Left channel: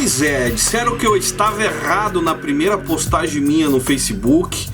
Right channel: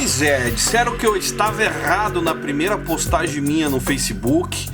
Pois é, disseram que eu estava errado na primeira postagem minha no Facebook,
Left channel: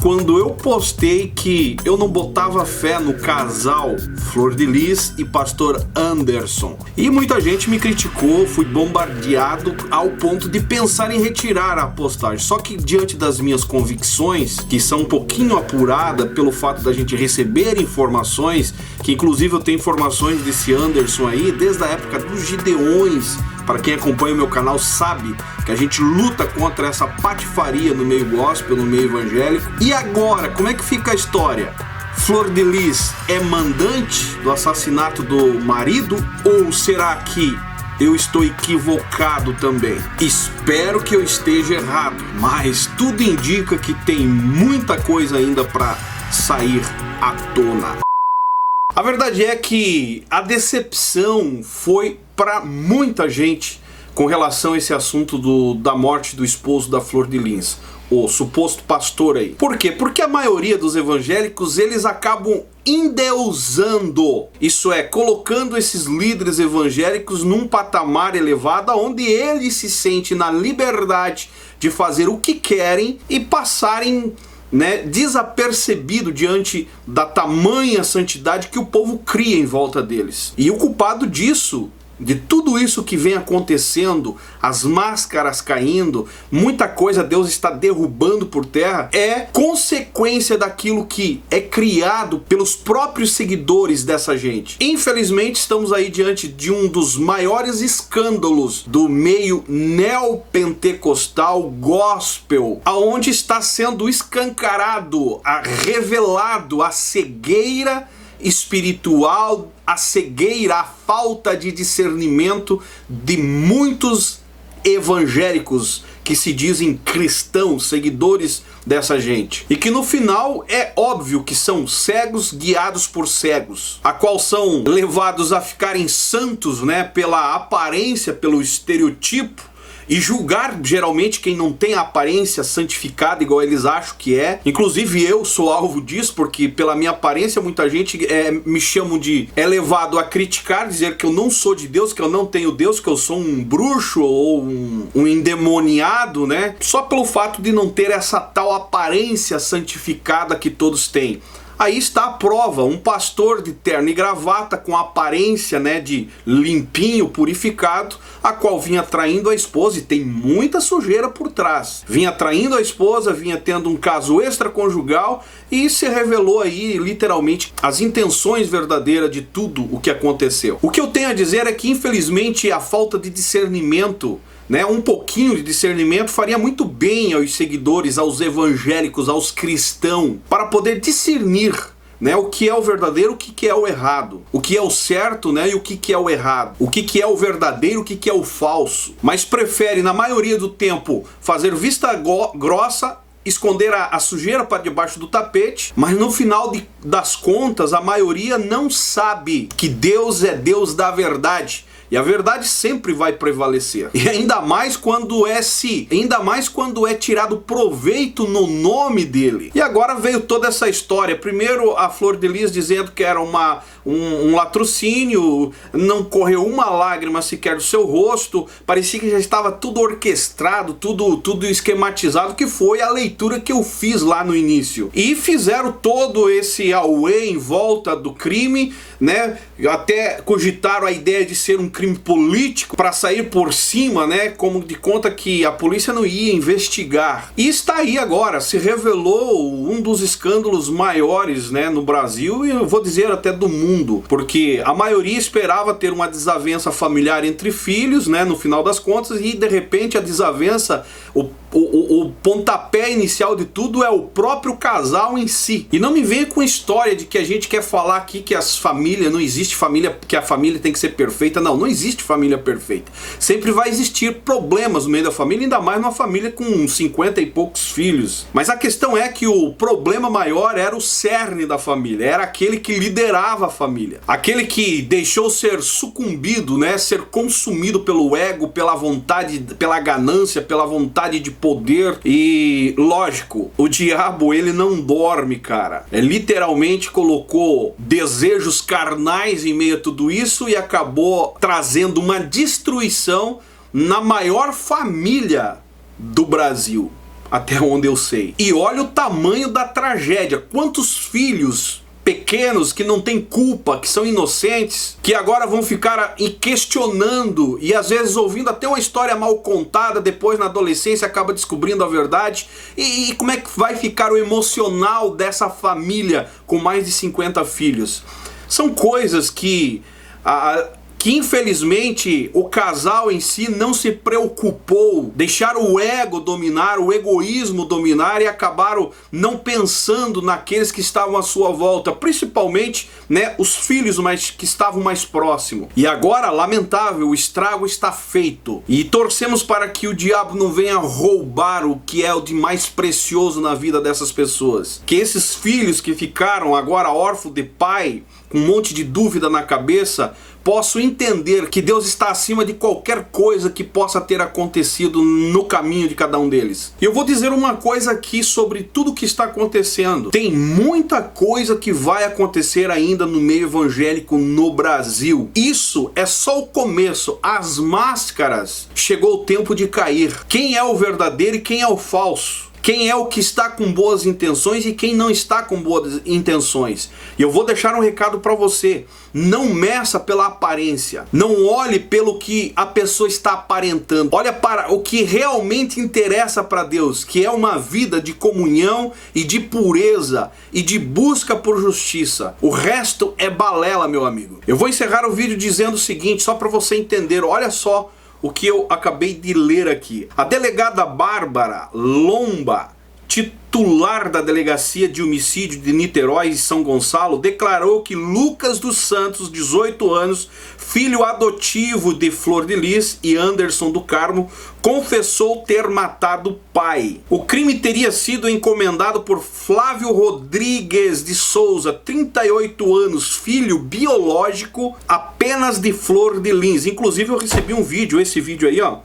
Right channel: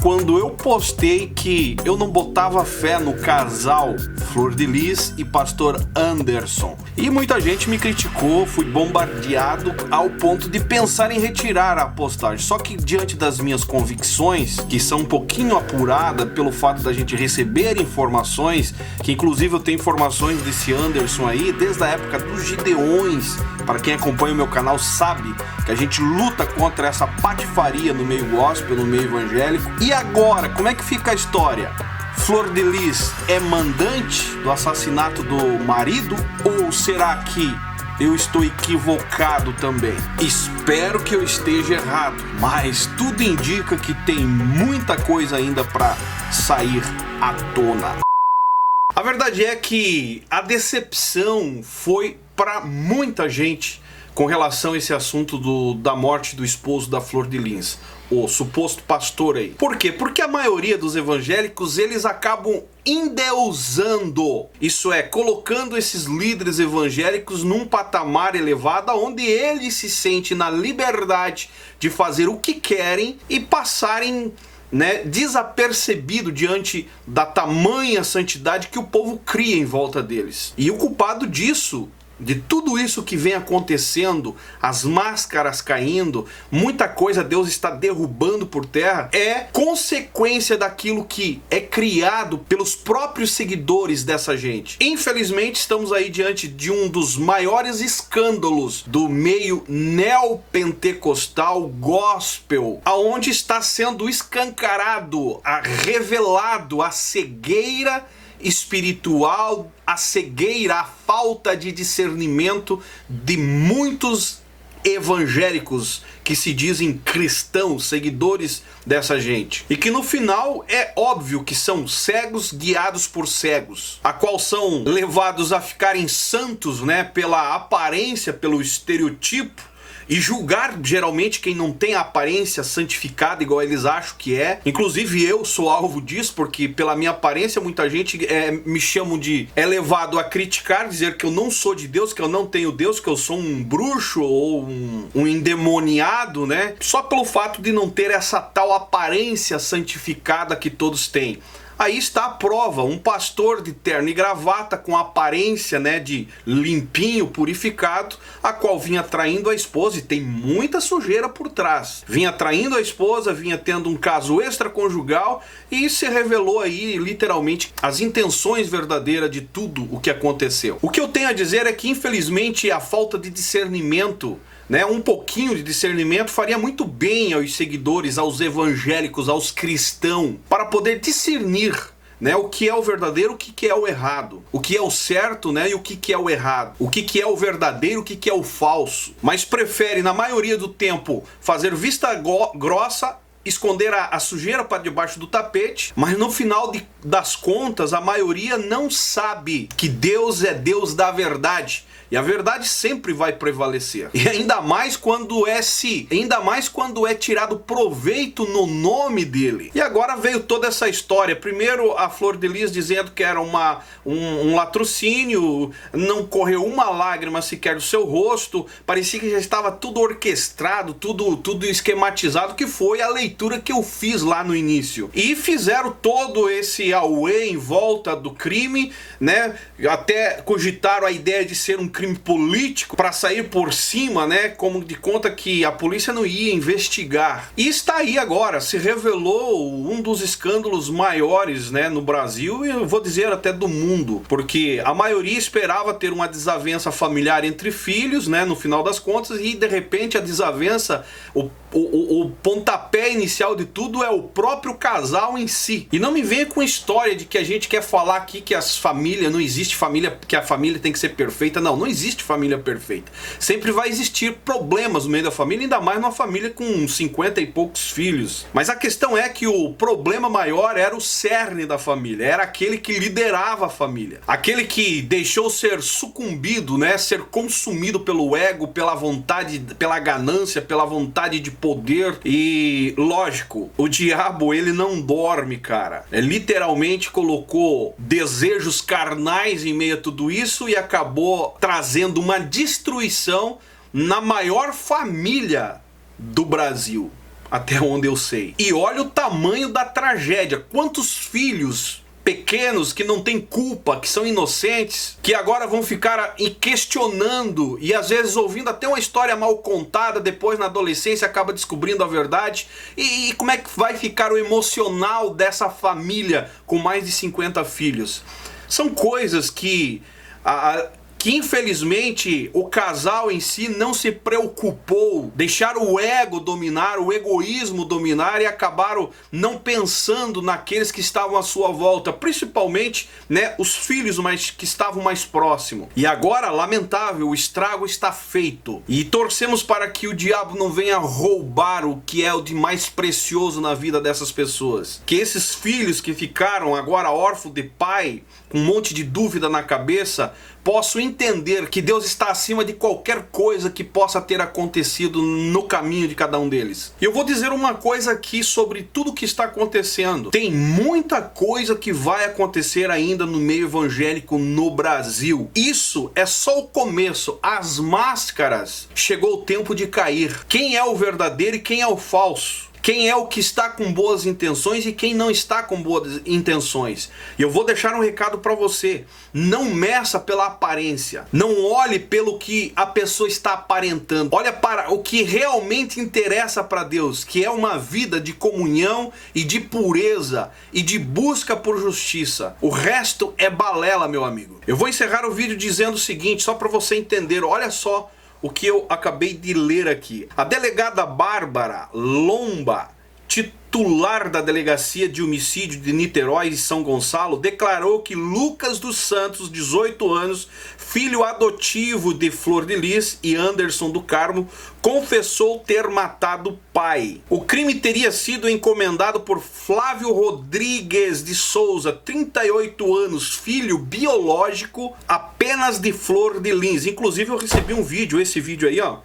quando eu postei que eu não botava fé no casal Flor de Lis e Pastor Anderson. E muita gente me criticou, fui bombardeado ao ponto de pensar em retirar a postagem. Só que diante das minhas convicções, que são um pouquinho apuradas pelo fato da gente receber informações, que inclusive eu tenho informações desse Anderson aí, desde a época dos Gideões. Para quem acompanha o meu canal sabe que a gente luta contra essa patifaria no meio gospel, no meio evangélico. E agora, como é que fica a história? Flor de Lis é mandante do assassinato do marido? Ou será que eu estou equivocado também? Espero que eu esteja errado, mas tudo indica que tem muita coisa ainda para sair à tona. A verdade é que a decepção foi para muita gente com relação a esse assunto da morte do esposo da Flor de Lis, o suposto pastor aí. Por quê? Porque a maioria dos evangélicos, eles acabam endeusando, isso é, colocando esses líderes evangélicos num patamar elevado, onde eles se sentem na liberdade de fazer o que querem e passarem desapercebido diante da tamanha santidade que o povo cria em volta deles. E o culpado disso, de tudo isso que vem acontecendo, as máscaras caindo, muita coisa Deus está derrubando por terra, é consequência daquilo que é criado pelos próprios seguidores dessa gente. Infelizmente estamos aí diante de um dos maiores escândalos do meio neopentecostal gospel, aonde está sendo escancarado, revelado a cegueira espiritual, a cegueira, a falta de discernimento de muitos evangélicos que se dizem cristãos, seguidores dessa gente. E que no final é óbvio que são cegos guiados por cegos, a qual são levados a ficarem santos, pela aparência, pelo estereotipo, e julgar geralmente quem não tem a aparência santificada igual eles acham que é. Inclusive eu sou alvo disso, porque pela minha aparência muita gente me chamam de... é levado a criticar, dizer que eu não sou de Deus, que eu não tenho Deus, que eu sou um bruxo ou um endemoniado, só pelo fato de não ter essa tal aparência santificada que todos têm. Aí está a prova, um pastor de terno e gravata com aparência de limpinho, purificado, a qual vinha traindo a esposa, e tem muita sujeira por trás. Vinha traindo a esposa, vinha tendo um caso extraconjugal e se revelou aí literalmente as intenções verdadeiras de tudo o que aconteceu. O que eu tenho a dizer é que infelizmente a falta de discernimento, um pouquinho de discernimento faria muito bem aos seguidores, aos evangélicos, aos cristãos, para poder discernir o que é o verdadeiro, o que é o errado, o que é o certo e o que é o errado, o que é o verdadeiro, o que é o falso. Mas prefere, na maioria do tempo, fazer vista grossa, esconder a sujeira para debaixo do tapete, mas no final das contas, a maioria não sabe que Deus é Deus da verdade. E a verdade sempre vai prevalecer. E ainda mais quando é tirado proveito no nome dele. E agora veio toda essa história. Primeiro a Flor de Lis dizendo que era um latrocínio, não correu uma lágrima sequer do seu rosto, parecia que já estava tudo orquestrado, tudo esquematizado, que foi a leitura que eu fiz lá no início. E fizeram todo esse auê em volta do crime, até cogitaram a ideia de ser um crime político para sair por cima, como de conta que a polícia não ia investigar. E está aí agora, se revelou um dos escândalos maiores, no Brasil, e eu vou dizer até do mundo, porque a maioria esperava ter uma desavença familiar entre filhos, no final das contas, e de repente a desavença, o pontapé inicial de tudo é o próprio casal em si. E não me venha com história de que a gente quer falar aqui que as famílias, não existe família, que a família tem que ser perfeita. Não existe família perfeita. Sempre vai existir problemas no meio da família, ainda mais numa família com 50 e poucos filhos. Mas a questão é que o problema maior era o cerne da família, era aquele que liderava a família, aquele que deixou ser sucumbido, ser consumido pelo ego, pela vontade, pela ganância, pela vontade de poder. E lógico, o diabo ele não dorme, cara. Literalmente colocou desejos carnais em meio a tudo isso e acabou trazendo uma destruição na maior família do Brasil, até onde eu sei. E olha o tamanho da tragédia. Quantos filhos pequenos que não têm culpa, que são inocentes, que agora vão ficar questionando e às vezes ouvindo até uma história mal contada, depois na adolescência acaba descobrindo a verdade. E como é que vai ficar o emocional dessa família com mais de 50 filhos? São coisas que infelizmente o casal em si não se preocupou, deixaram o ego dominar, o egoísmo dominar e acabaram não pensando naqueles que estavam à sua volta, principalmente, né, os filhos que estavam mais próximos. E agora, lamentável, o estrago está feito. E torcemos para que o diabo não venha roubar o que é o de mais precioso na vida dessas pessoas. Que esses filhos que ficaram agora órfãos de pai, com um monte de dúvida na cabeça, posso entender que Deus está acima de qualquer coisa que possa ter acontecido no caminho de cada um deles. E eu vou dizer uma coisa aqui sobre tudo que está acontecendo. Tem muita coisa que vai acontecer ainda no meio evangélico no Brasil. Isso é só o começo. As máscaras, chegou o tempo de cair. Quem é o verdadeiro e quem é o falso? Quem é o que está com boas intenções e quem não está com boas intenções. E eu vou deixar um recado para você. Não meça pela aparência. Não olhe pelo que a pessoa está aparentando. Olha para o que realmente interessa para Deus, que é uma vida de comunhão e de pureza e de busca por justiça. O resto é balela, meu amigo. Eu vou encerrar o vídeo dizendo o seguinte, só para você entender. Olha só o que eu acabei de ler aqui. A delegada Bárbara Lomba, titular da Delegacia de Homicídio de Niterói e São Gonçalo, declarou que Lucas dos Santos, 18 anos, filho adotivo de Flor de Lis e Anderson do Carmo, confessou ter matado o pai. O crime teria sido encomendado por Flávio Rodrigues de Souza, 38 anos, filho biológico apenas de Flor de Lis. Inclusive eu recebi um vídeo, esse vídeo aí, ó,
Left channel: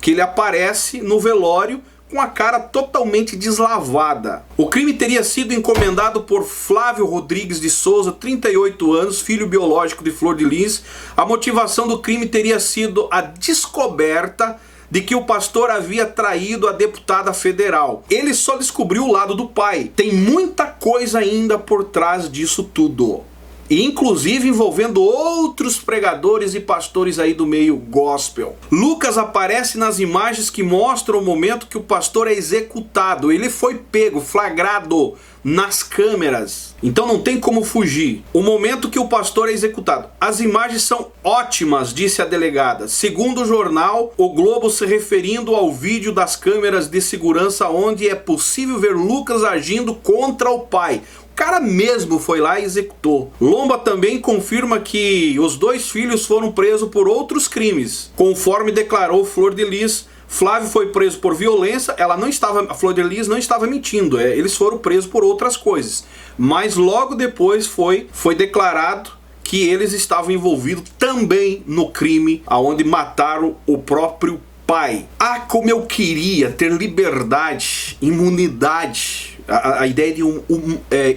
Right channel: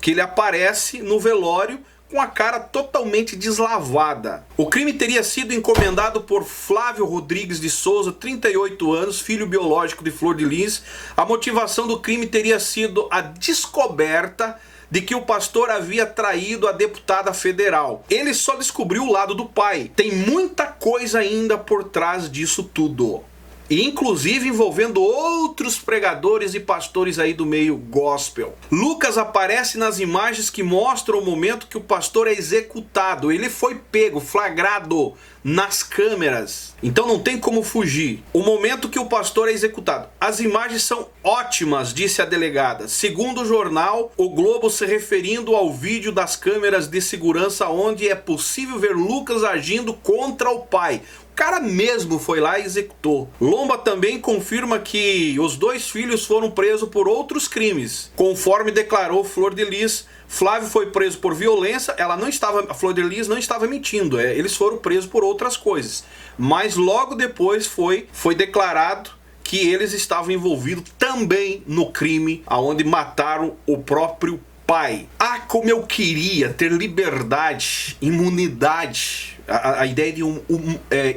que ele aparece no velório com a cara totalmente deslavada. O crime teria sido encomendado por Flávio Rodrigues de Souza, 38 anos, filho biológico de Flor de Lis. A motivação do crime teria sido a descoberta de que o pastor havia traído a deputada federal. Ele só descobriu o lado do pai. Tem muita coisa ainda por trás disso tudo. Inclusive envolvendo outros pregadores e pastores aí do meio gospel. Lucas aparece nas imagens que mostram o momento que o pastor é executado. Ele foi pego, flagrado nas câmeras. Então não tem como fugir. O momento que o pastor é executado. As imagens são ótimas, disse a delegada. Segundo o jornal O Globo, se referindo ao vídeo das câmeras de segurança onde é possível ver Lucas agindo contra o pai. O cara mesmo foi lá e executou. Lomba também confirma que os dois filhos foram presos por outros crimes. Conforme declarou Flor de Lis, Flávio foi preso por violência. A Flor de Lis não estava mentindo. Eles foram presos por outras coisas. Mas logo depois foi declarado que eles estavam envolvidos também no crime onde mataram o próprio pai. Ah, como eu queria ter liberdade, imunidade. A ideia de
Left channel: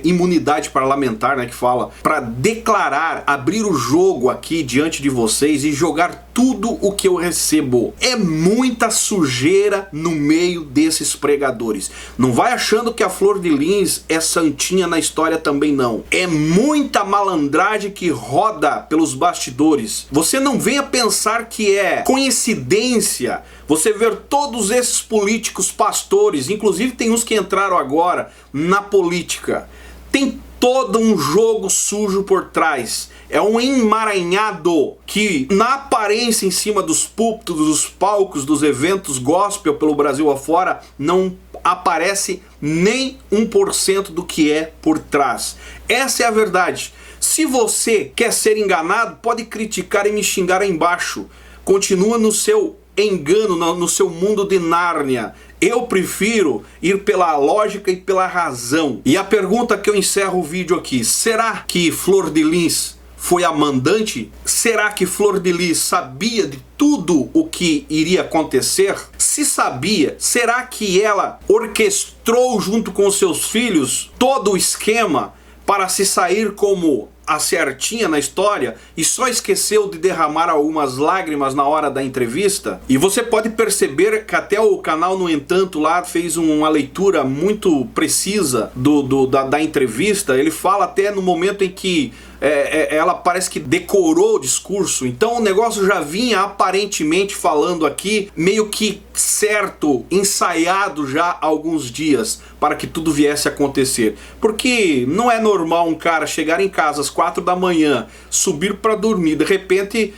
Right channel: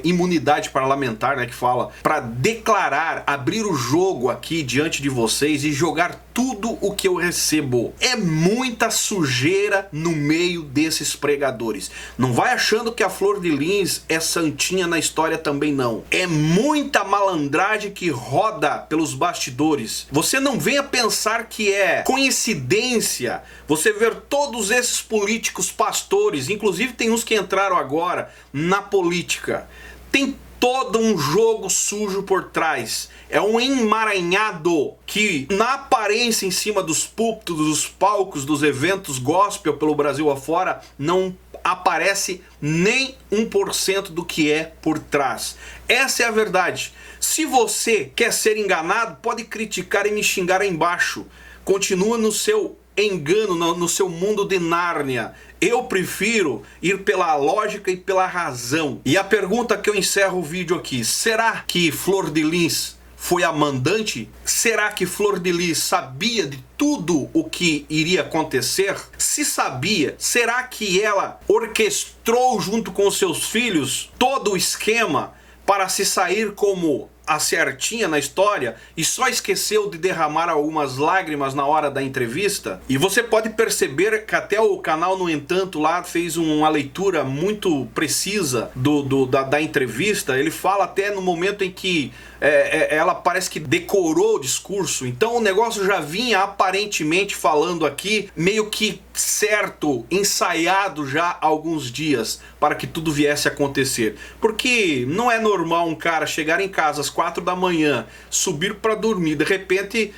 imunidade parlamentar, né, que fala, para declarar, abrir o jogo aqui diante de vocês e jogar tudo o que eu recebo. É muita sujeira no meio desses pregadores. Não vai achando que a Flor de Lis é santinha na história também, não. É muita malandragem que roda pelos bastidores. Você não venha pensar que é coincidência você ver todos esses políticos pastores, inclusive tem uns que entraram agora na política. Tem todo um jogo sujo por trás. É um emaranhado que, na aparência, em cima dos púlpitos, dos palcos, dos eventos gospel pelo Brasil afora, não aparece nem 1% do que é por trás. Essa é a verdade. Se você quer ser enganado, pode criticar e me xingar aí embaixo. Continua no seu engano, no seu mundo de Nárnia. Eu prefiro ir pela lógica e pela razão. E a pergunta que eu encerro o vídeo aqui: será que Flor de Lis foi a mandante? Será que Flor de Lis sabia de tudo o que iria acontecer? Se sabia, será que ela orquestrou junto com seus filhos todo o esquema para se sair como a certinha na história e só esqueceu de derramar algumas lágrimas na hora da entrevista. E você pode perceber que até o canal, no entanto, lá fez uma leitura muito precisa da entrevista. Ele fala até no momento em que ela parece que decorou o discurso. Então o negócio já vinha aparentemente falando aqui, meio que certo, ensaiado já há alguns dias para que tudo viesse a acontecer. Porque não é normal um cara chegar em casa às 4 da manhã, subir para dormir, de repente,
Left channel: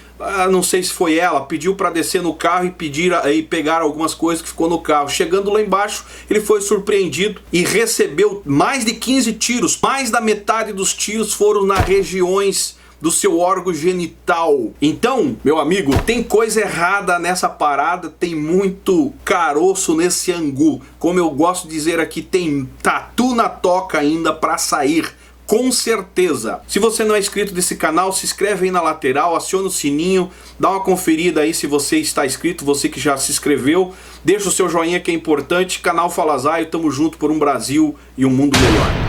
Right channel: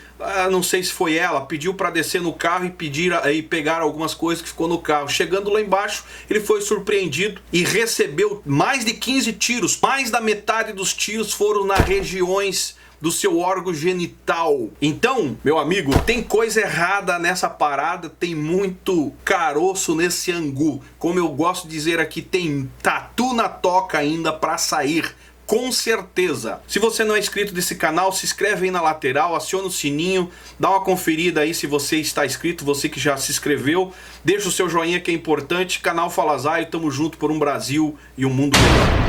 não sei se foi ela, pediu para descer no carro e pegar algumas coisas que ficou no carro. Chegando lá embaixo, ele foi surpreendido e recebeu mais de 15 tiros. Mais da metade dos tiros foram nas regiões do seu órgão genital. Então, meu amigo, tem coisa errada nessa parada, tem muito caroço nesse angu. Como eu gosto de dizer aqui, tem tatu na toca ainda para sair. Com certeza. Se você não é inscrito desse canal, se inscreve aí na lateral, aciona o sininho, dá uma conferida aí se você está inscrito, você que já se inscreveu. Deixa o seu joinha que é importante. Canal Fala Zaio, tamo junto por um Brasil e um mundo melhor.